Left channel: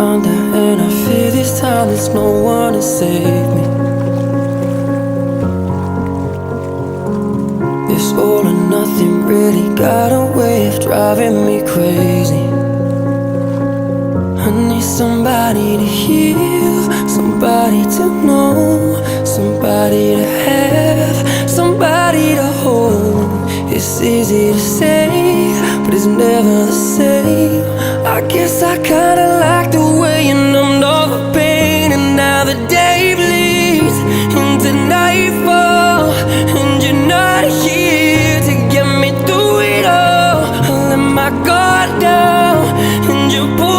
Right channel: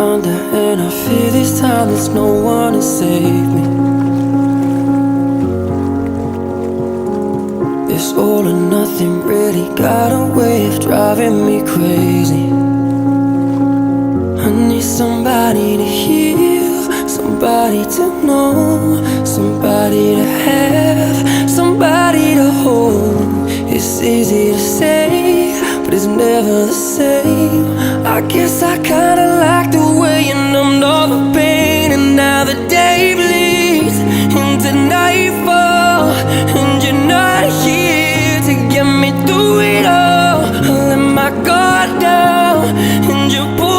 under, and I fear this time there's no one to save me. This all or nothing really got a way of driving me crazy. I need somebody to heal, somebody to know, somebody to have, somebody to hold. It's easy to say, but it's never the same. I guess I kinda like the way you numbed all the pain. And now the day bleeds into nightfall, and you're not here to get me through it all. I let my guard down, and you pulled